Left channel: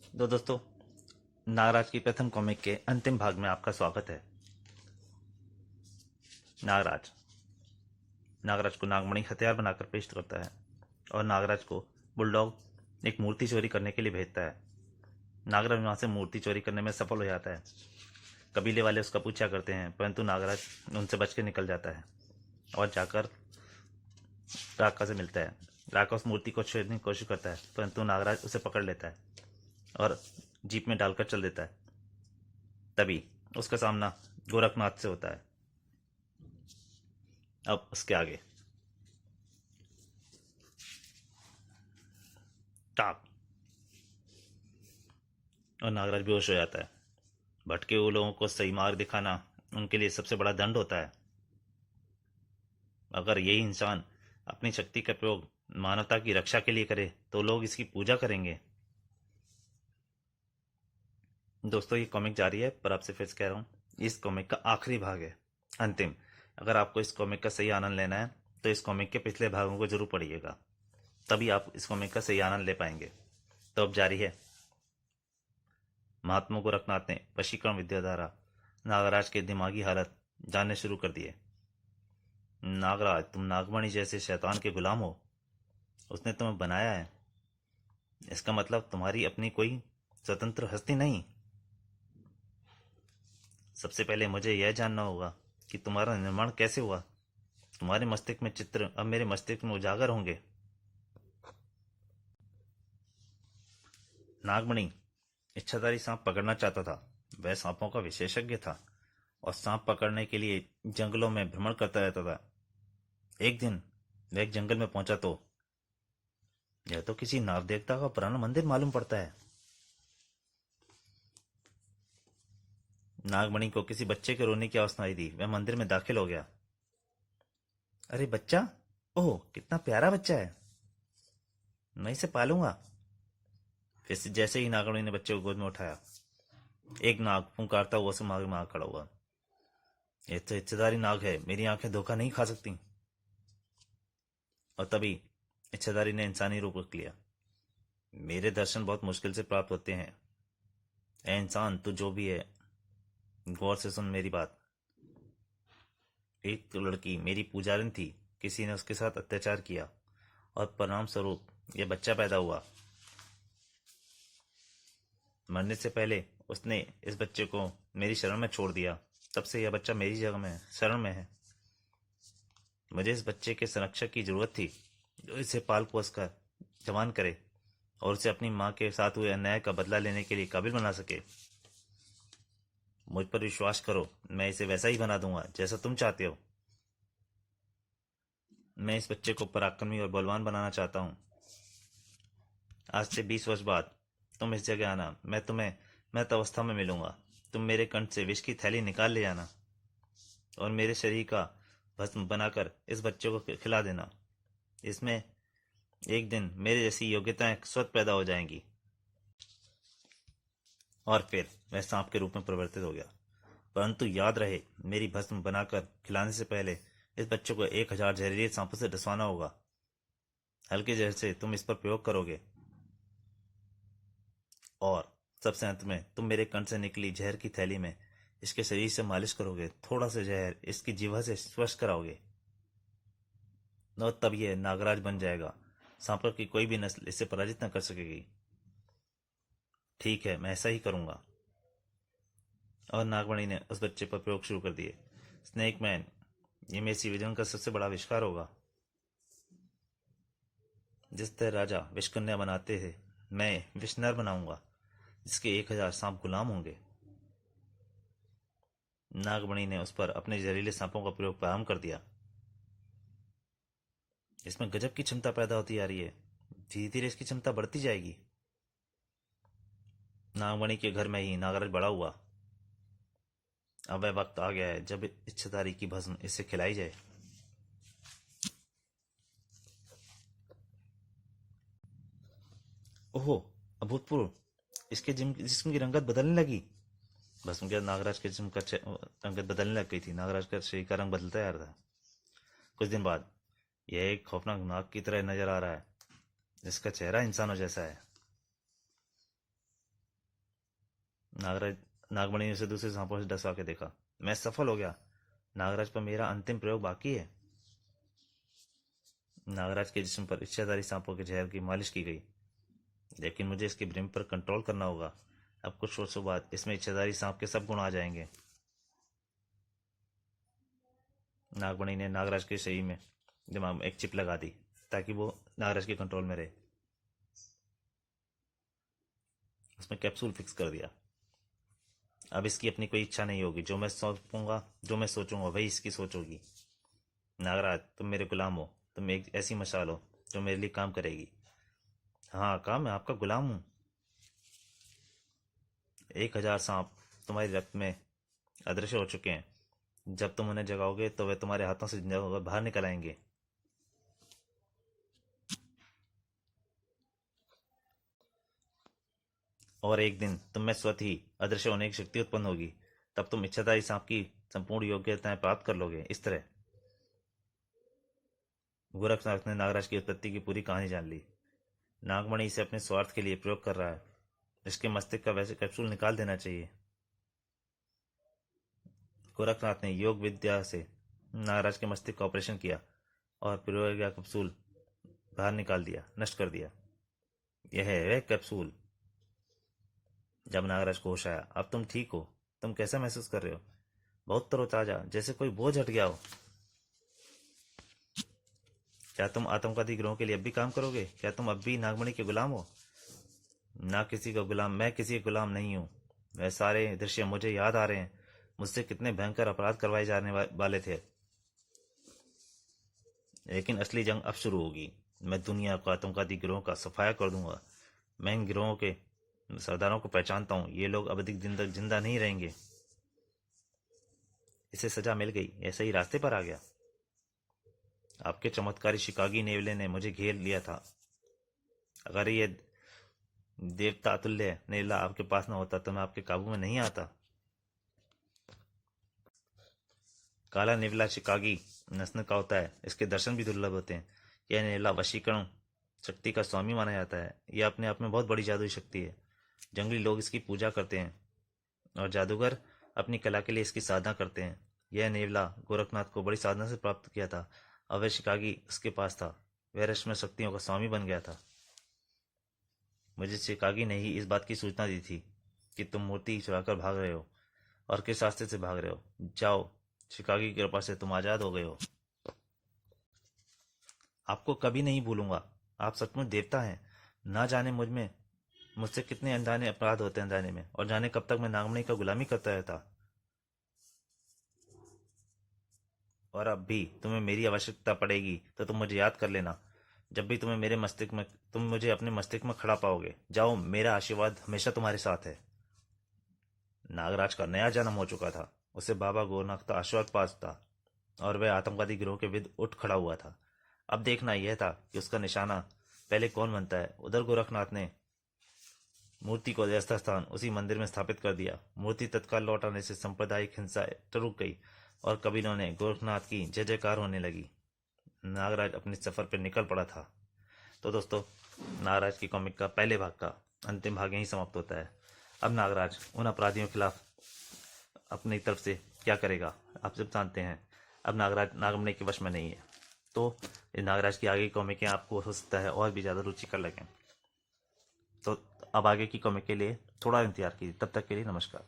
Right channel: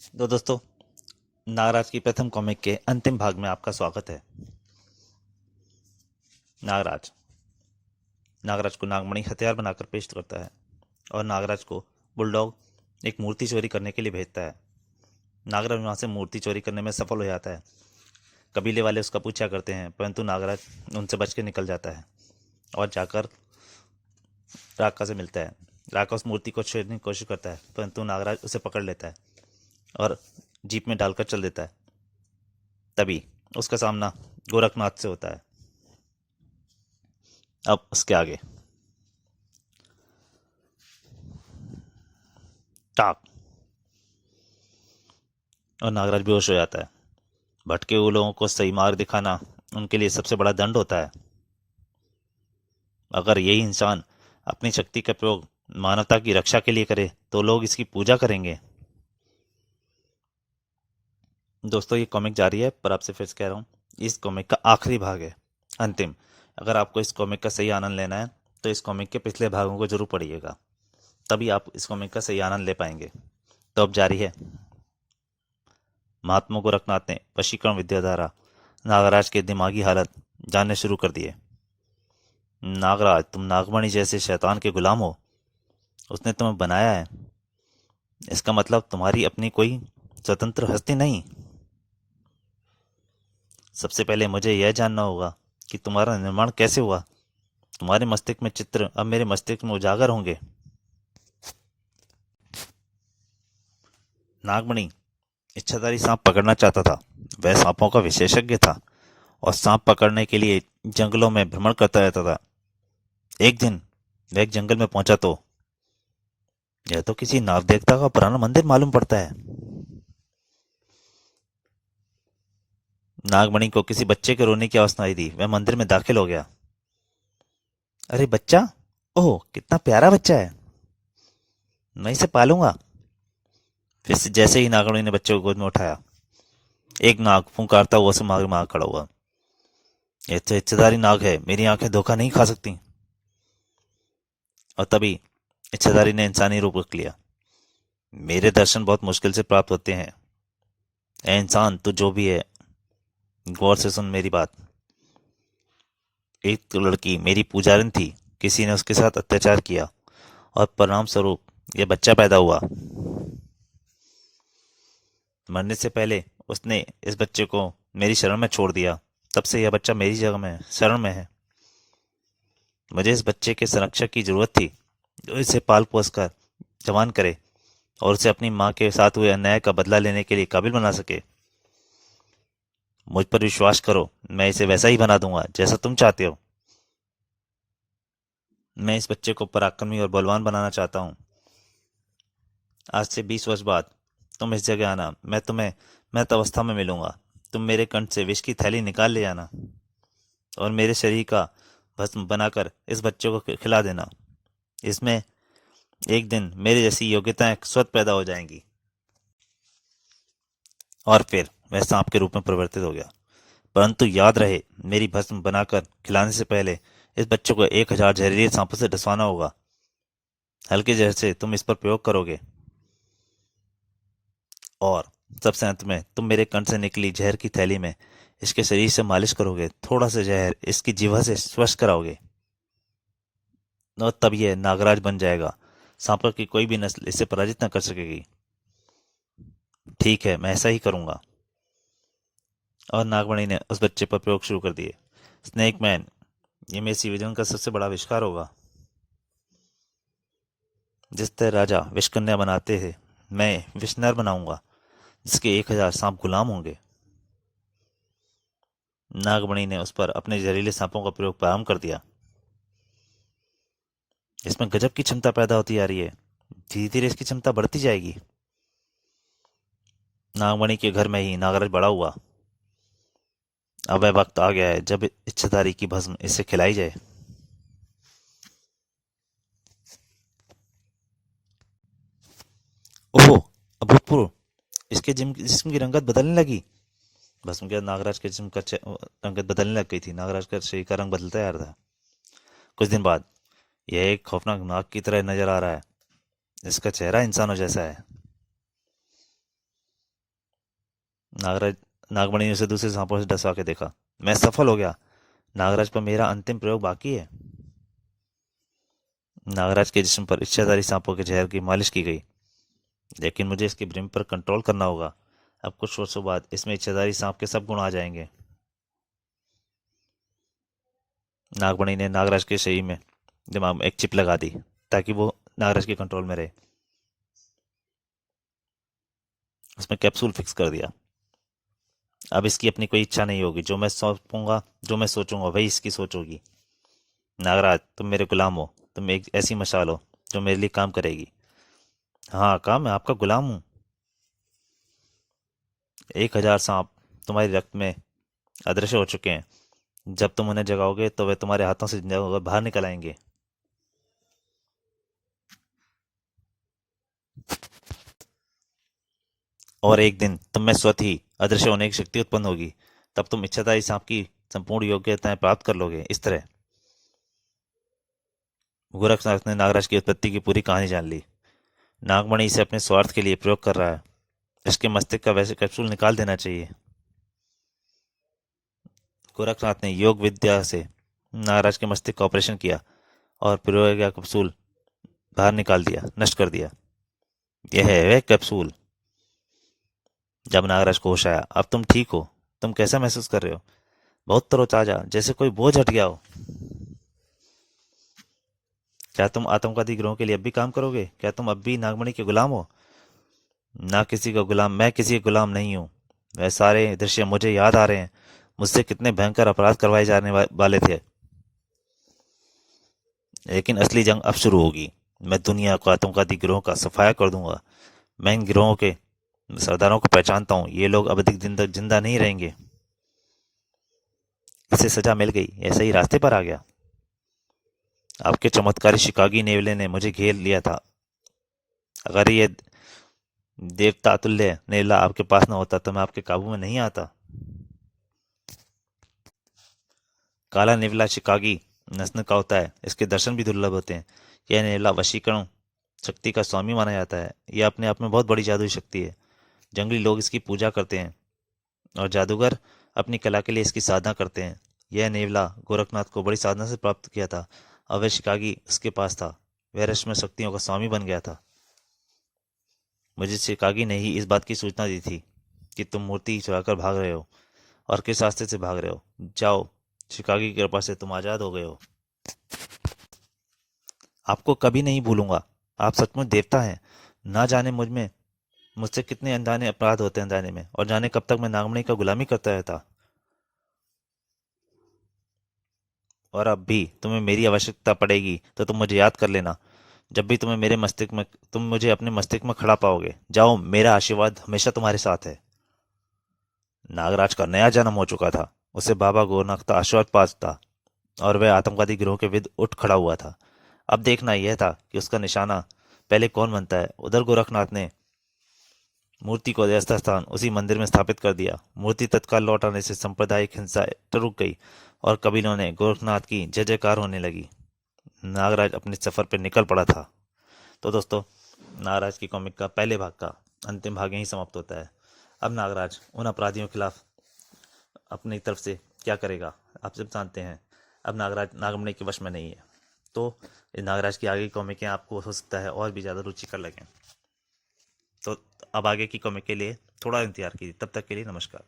तो दोस्तों, नागराज की प्रथम कॉमिक के अंतिम भाग में आपका स्वागत है। नागराज नागराज को नागमणि हथियार बनाकर पेश करता है और नागराज को बुलडॉग एक मूर्ति चोरी करने के लिए भेजता है। नागराज वहाँ से मूर्ति चोरी करने में सफल हो जाता है। कबीले वाले उसका पूछा करते हैं, परंतु नागराज उनसे बच के निकल जाता है और जाकर राका से मिलता है। राका उस मूर्ति को छेड़ने की कोशिश करता है, परंतु नागराज उसे पकड़ लेता है और जीप में डालकर चल देता है। तभी उसका सामना गोरखनाथ से होता है। अब उसके आगे टाक और नागराज बेहोश हो जाता है। भटके हुए लोगों को सही मार्ग दिखाना उनके लिए सबसे बड़ा दंड होता है। अगर यही इंसान अपनी शक्ति का प्रयोग मानवता की रक्षा के लिए करे तो लोग इसकी पूजा करेंगे। दोस्तों, ये कॉमिक जारी है, पर आपसे फिर से कह रहा हूँ, इस कॉमिक का आखिरी भाग है, अंतिम। अगर आपको इस कॉमिक का सही आनंद लेना है तो इस कॉमिक के पिछले भागों को जरूर पढ़िएगा, तभी आप इस कॉमिक का सही आनंद ले पाएंगे। तो अब जारी है। महात्मा गोरखनाथ ने वशीकरण विद्या द्वारा नागराज के दिमागी हालत जानने शुरू कर दिए। नागराज, तुम नागमणि जैसे शैतान के गुलाम हो। उसने तुम्हें बनाया है, इसका मतलब तुम्हारी अपनी कोई स्वतंत्र हस्ती नहीं। सबसे पहले मुझे यह जानना होगा कि तुम्हारा निर्माण कैसे हुआ। तुम्हारे मस्तिष्क में चित्र अब मेरे मस्तिष्क में उजागर होंगे। नागमणि इच्छाधारी सांप पकड़ना चाहता था। वह सांपों का विशेषज्ञ था और सांप पकड़ने के लिए जंगलों में भ्रमण करता रहता था। एक दिन वह एक जंगल में पहुंचा तो यह तो किसी नाग देवता का पुराना मंदिर मालूम पड़ता है। नागमणि को किसी बच्चे के रोने की आवाज सुनाई दी। वह मंदिर में दाखिल हो गया। अरे बच्चा, ओह कितना प्यारा बच्चा है, मैं इसे पालूंगा। फिर से जैसे ही नागमणि ने बच्चे को गोद में उठाया, एक नाग फुंकारता हुआ उसे मार मार खड़ा हुआ। यह तो इच्छाधारी नाग है, मेरी आंखें धोखा नहीं खा सकती। और तभी इच्छाधारी ने इंसानी रूप रख लिया। मेरे दर्शन बहुत मुश्किल से प्राप्त होते हैं। ए इंसान, तू जो भी है, गौर से सुन मेरी बात। एक तो लड़की मेरी पुजारिन थी, किसी ने उसके साथ अत्याचार किया और परिणाम स्वरूप यह बच्चा पैदा हुआ। मरने से पहले उसने इस बच्चे को मेरी शरण में छोड़ दिया। तब से यह बच्चा मेरी जगह में शरण में है। मुझे इस बच्चे के संरक्षक की जरूरत थी, जो इसे पाल पोस कर जवान करे और उसे अपनी माँ के साथ हुए अन्याय का बदला लेने के लिए काबिल बना सके। मुझ पर विश्वास करो, मैं इसे वैसा ही बना दूंगा जैसा तुम चाहते हो। मैं इस बच्चे को पराक्रमी और बलवान बनाना चाहता हूँ। आज से 20 वर्ष बाद तुम इस जगह आना, मैं तुम्हें मृत अवस्था में मिलूंगा। तुम मेरे कंठ से विष की थैली निकाल ले आना और मेरे शरीर का भस्म बनाकर इस बच्चे को खिला देना। इसमें एक दिन मेरे जैसी योग्यताएं स्वतः पैदा हो जाएंगी। और फिर वह सांप के रूप में परिवर्तित हो गया। परंतु याद रहे, मेरी भस्म बनाकर खिलाने से पहले इस बच्चे को 1000 जहरीले सांपों से डसवाना होगा। हल्के जहर से तुम इस पर प्रयोग करोगे और सबसे अंत में तुम मेरे कंठ से निकली जहर की थैली में इसके शरीर से मालिश करोगे। थोड़ा सा जहर इसकी जीवा से स्पर्श कराओगे और तब यह नागराज बन जाएगा। सांपों की कोई भी नस्ल इसे पराजित न कर सकेगी। ठीक है, मैं ऐसा ही करूंगा। और नागमणि ने उस बच्चे पर प्रयोग शुरू कर दिए। स्नेक मैन, ये मेरी विजन का सबसे बड़ा आविष्कार होगा। जिस तरह राजा विषकन्या बनाते थे, मैं विषनर बनाऊंगा जिसके 1000 सांप गुलाम होंगे। नागमणि ने उस पर अपने जहरीले सांपों का प्रयोग प्रारंभ कर दिया। इसमें गजब की क्षमता पैदा होती जा रही है। धीरे धीरे इसकी क्षमता बढ़ती जाएगी। नागमणि के घर में ही नागराज बड़ा हुआ। अब वह वक्त आ गया है जब इच्छाधारी की भस्म इसे खिलाई जाए। ओहो, अभूतपूर्व! इसके जिस्म की रंगत बदलने लगी। भस्म के बाद नागराज के जिस्म का रंगत बदलने लग गई थी। नागराज का शरीर का रंग बदलता जा रहा था। कुछ दिन बाद यह एक खौफनाक नाग की तरह नजर आ रहा है। इसका चेहरा इंसानों जैसा है। नागराज नागमणि ने उसे दूसरे सांपों से डसवा के देखा। मैं सफल हो गया। नागराज पर मेरा अंतिम प्रयोग बाकी है। नागराज के जिस्म पर इच्छाधारी सांपों के जहर की मालिश की गई, लेकिन मुझे इसके भ्रम पर कंट्रोल करना होगा। अब कुछ वर्षों बाद इसमें इच्छाधारी सांप के सब गुण आ जाएंगे। नागमणि ने नागराज के शरीर में दिमाग में एक चिप लगा दी ताकि वो नागराज के कंट्रोल में रहे। उसमें कैप्सूल फिक्स कर दिया। अब इसकी अपनी कोई इच्छा नहीं होगी। जो मैं सौंपूंगा, जो मैं सोचूंगा, वही इसकी सोच होगी। नागराज, तुम मेरे गुलाम हो। तुम एक ऐसी मशाल हो जो मेरे लिए काम करेगी। हाँ काम, मैं आपका गुलाम हूँ। 1000 सांप तुम्हारे रक्त में अदृश्य हो चुके हैं। जब तुम उन्हें जगाओगे तो वे तुम्हारे हाथों से जिंदा होकर बाहर निकल आएंगे। और एक दिन तुम में स्वतः ही अदृश्य होने की शक्ति उत्पन्न होगी। तब तुम इच्छाधारी सांप की संपूर्ण योग्यताएं प्राप्त कर लोगे। इस तरह गोरखनाथ ने नागराज की उत्पत्ति की पूरी कहानी जान ली। नागमणि इसे अपने स्वार्थ के लिए प्रयोग कर रहा है। इसके मस्तिष्क का वैसे कैप्सूल निकाल देना चाहिए। गोरखनाथ ने योग विद्या से नागराज के मस्तिष्क का ऑपरेशन किया और प्रयोग का कैप्सूल बाहर निकाल दिया, नष्ट कर दिया। यह है वह कैप्सूल। जब नागराज को होश आया, अब तुम ठीक हो? तुम कैसा महसूस कर रहे हो? बहुत तरोताजा, जैसे कोई बोझ हट गया हो। क्या तुम आतंकवादी गिरोह के लिए अब भी काम करोगे? क्या तुम अब भी नागमणि के गुलाम हो? ना किसी का गुलाम, मैं किसी का गुलाम नहीं हूँ। वह सारे दृश्य मुझे याद आ रहे हैं। मुझसे कितने भयंकर अपराध करवाए जाने वाले थे। लेकिन असली जंग अब शुरू होगी। मैं दुनिया को आतंकवादी गिरोह का सफाया कर दूंगा। मैं इन गिरोहों के सरदारों को पहचानता हूँ। ये लोग अब अधिक दिन तक जिंदा नहीं रहेंगे। इसे सजा मिल गई, यह सही रास्ते पर आ गया। आपके चमत्कारी शिकागी नेवले ने मुझे घेर लिया था। अगर ये देवता अतुल्य नेवला आपके पास न होता तो मैं आपके काबू में नहीं आता। काला नेवला शिकागी नस्ल का होता है। इसके दर्शन भी दुर्लभ होते हैं। यह नेवला वशीकरण शक्ति का स्वामी माना जाता है। यह अपने आप में बहुत बड़ी जादुई शक्ति है। जंगली लोग इसकी पूजा करते हैं और जादूगर अपनी कला के लिए इसकी साधना करते हैं। यह नेवला गोरखनाथ को बड़ी साधना से प्राप्त किया था और वह शिकागी उसके पास था। वह रहस्यमय शक्तियों का स्वामी बन गया था। मुझे शिकागी ने ही इस बात की सूचना दी थी कि तुम मूर्ति चुराकर भाग रहे हो और किस रास्ते से भाग रहे हो। जाओ, शिकागी की कृपा से तुम आज़ाद हो गए हो। आपको कभी नहीं भूलूंगा। आप सचमुच देवता हैं। ना जाने मुझसे कितने अनजाने अपराध होते हैं अनजाने में, और जाने कब तक मैं नागमणि का गुलामी करता रहता। और अब भी तुम्हें मेरी आवश्यकता पड़ेगी तो तुम मुझे याद कर लेना। जब भी तुम मुझे अपने मस्तिष्क में खड़ा पाओगे। जाओ, मेरा आशीर्वाद हमेशा तुम्हारे साथ है। नागराज का नया जन्म हो चुका था। उसे बाबा गोरखनाथ का आशीर्वाद पास था और वह आतंकवादी गिरोह के विरुद्ध उठ खड़ा हुआ था। अब देखना यह था कि उसका निशाना पहले कौन बनता है। उधर गोरखनाथ ने मूर्ति को यथास्थान उसी मंदिर में स्थापित कर दिया। मूर्ति तत्काल लौट आने से सांप्रदायिक हिंसा रुक गई और कबीलों ने गोरखनाथ की जय जयकार होने लगी। नागराज अपने सफर पर निकल पड़ा था। तो दोस्तों, नागराज की कॉमिक का पहले भाग का अंतिम भाग यहीं समाप्त होता है। अब नागराज उन अपराधियों के खिलाफ अपनी तरफ से क्या करेगा, आप सब जानते हैं। अब नागराज नागमणि के वश में नहीं है। तो इस नागराज की आगे की कॉमिकें आपको हो सकता है और भी ज़्यादा रुचिकर लगें। तो अब आगे की कॉमिक के लिए थोड़ा इंतजार कीजिए। तब तक के लिए नमस्कार।